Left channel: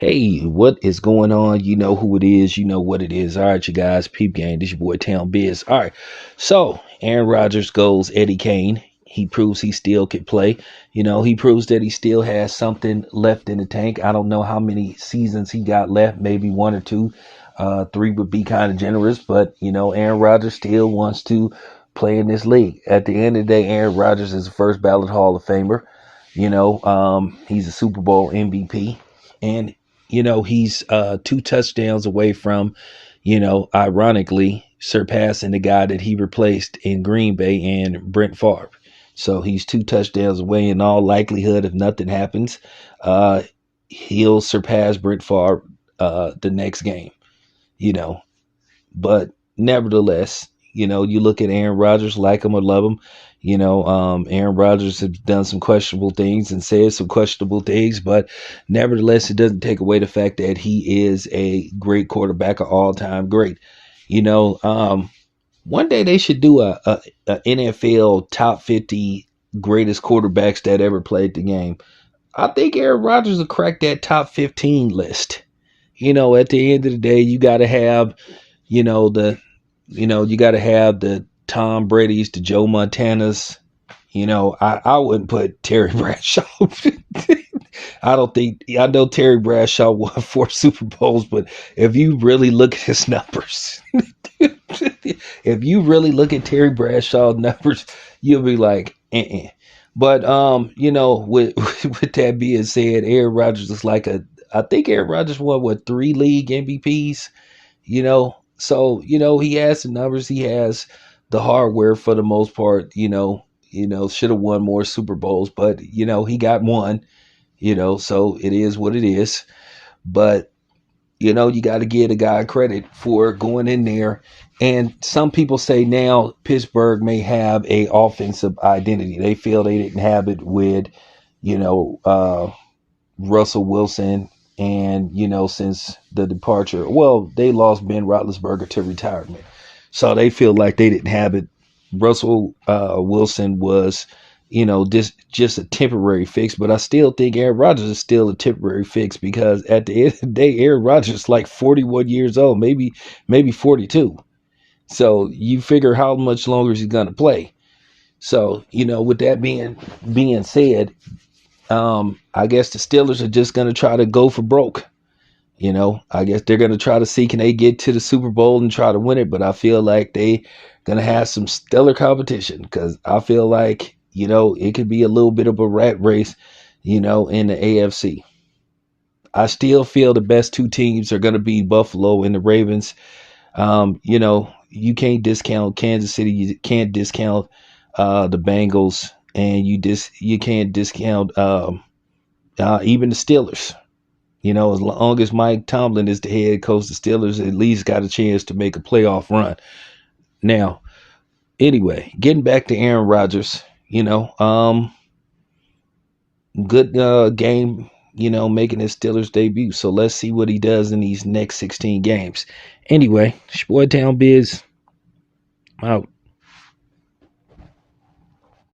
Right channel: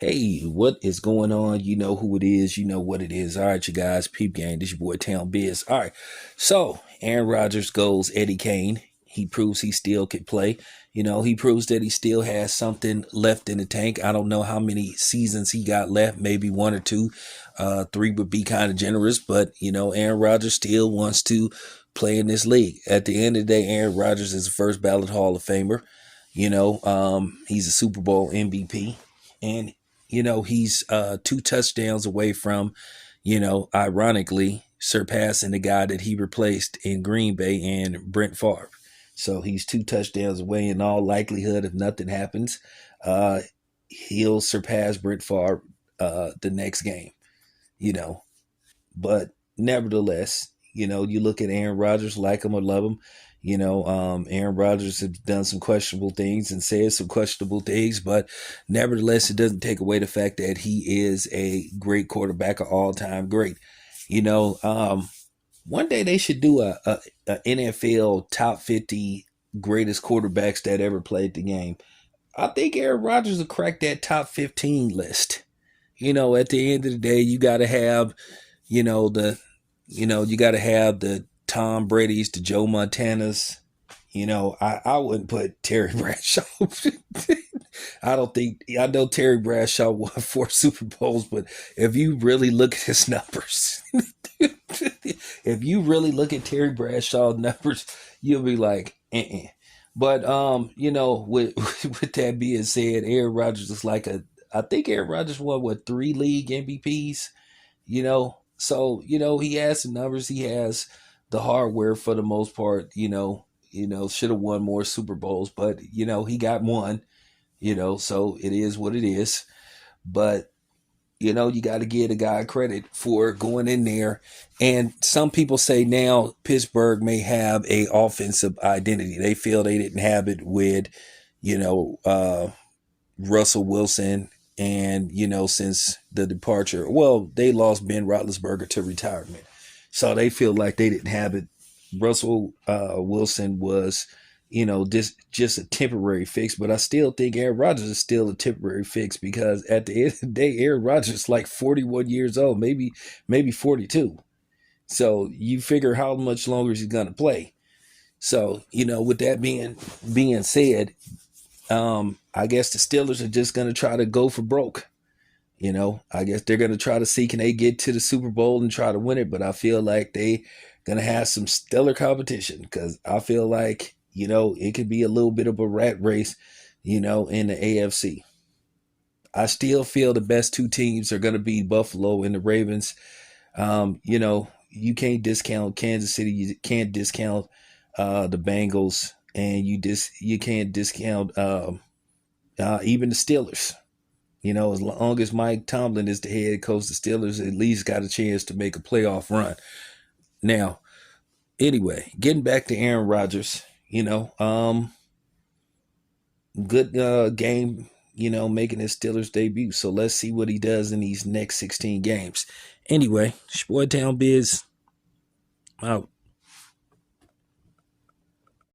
Hey, what is going on? You know who it is. You know what it is. All right, you guys. Peep game. This your boy Town Biz. All right. So Aaron Rodgers goes Eddie Kane. He proves he still can play. He proves that he still has something left in the tank. I don't know how many seasons he got left. Maybe one or two. Three would be kind of generous. But, Aaron Rodgers still wants to play in this league. At the end of the day, Aaron Rodgers is a first ballot Hall of Famer. He's a Super Bowl MVP. And he's two touchdowns away from, ironically surpassing the guy that he replaced in Green Bay and Brent Favre. So he's two touchdowns away. In all likelihood, if nothing happens, he'll surpass Brent Favre the next game. You know, but nevertheless, you look at Aaron Rodgers, like him or love him. Aaron Rodgers has done some questionable things and said some questionable things, but nevertheless, it doesn't take away the fact that he is a great quarterback, an all-time great. You know, um, One day they should do a NFL top 50 greatest quarterbacks that ever played the game. I think Aaron Rodgers will crack that top 15 list. At the end of the day, you know, the you got to have the Tom Brady's, the Joe Montanas. I wouldn't put Terry Bradshaw. I don't think I know Terry Bradshaw won 4 Super Bowls, but if you really look at his numbers, if you really look at Terry Bradshaw's numbers, you'll be like, eh. But with with that being said, Aaron Rodgers is like I think Aaron Rodgers won what 3 league MVPs. So he has the numbers, he has the hardware for the most part. Should have won more Super Bowls, but he got one. So it is what it is. But you got to give the guy credit for going in there. And some people say now Pittsburgh may have a offensive identity. They feel they didn't have it with, you know, uh, Russell Wilson. And, since the departure, well, they lost Ben Roethlisberger to retirement. So they feel like they didn't have it. Russell Wilson was, just a temporary fix. But I still think Aaron Rodgers is still a temporary fix because at the end of the day, Aaron Rodgers is like 41 years old, maybe 42. So you figure how much longer is he going to play. So, with that being said, I guess the Steelers are just going to try to go for broke. I guess they're going to try to see can they get to the Super Bowl and try to win it. But I feel like they going to have some stellar competition because I feel like, it could be a little bit of a rat race, in the AFC. I still feel the best two teams are going to be Buffalo and the Ravens. You can't discount Kansas City. You can't discount the Bengals, and you can't discount even the Steelers. As long as Mike Tomlin is the head coach, the Steelers at least got a chance to make a playoff run. Now, anyway, getting back to Aaron Rodgers, good game, making his Steelers debut. So let's see what he does in these next 16 games. Anyway, it's your boy Town Biz out.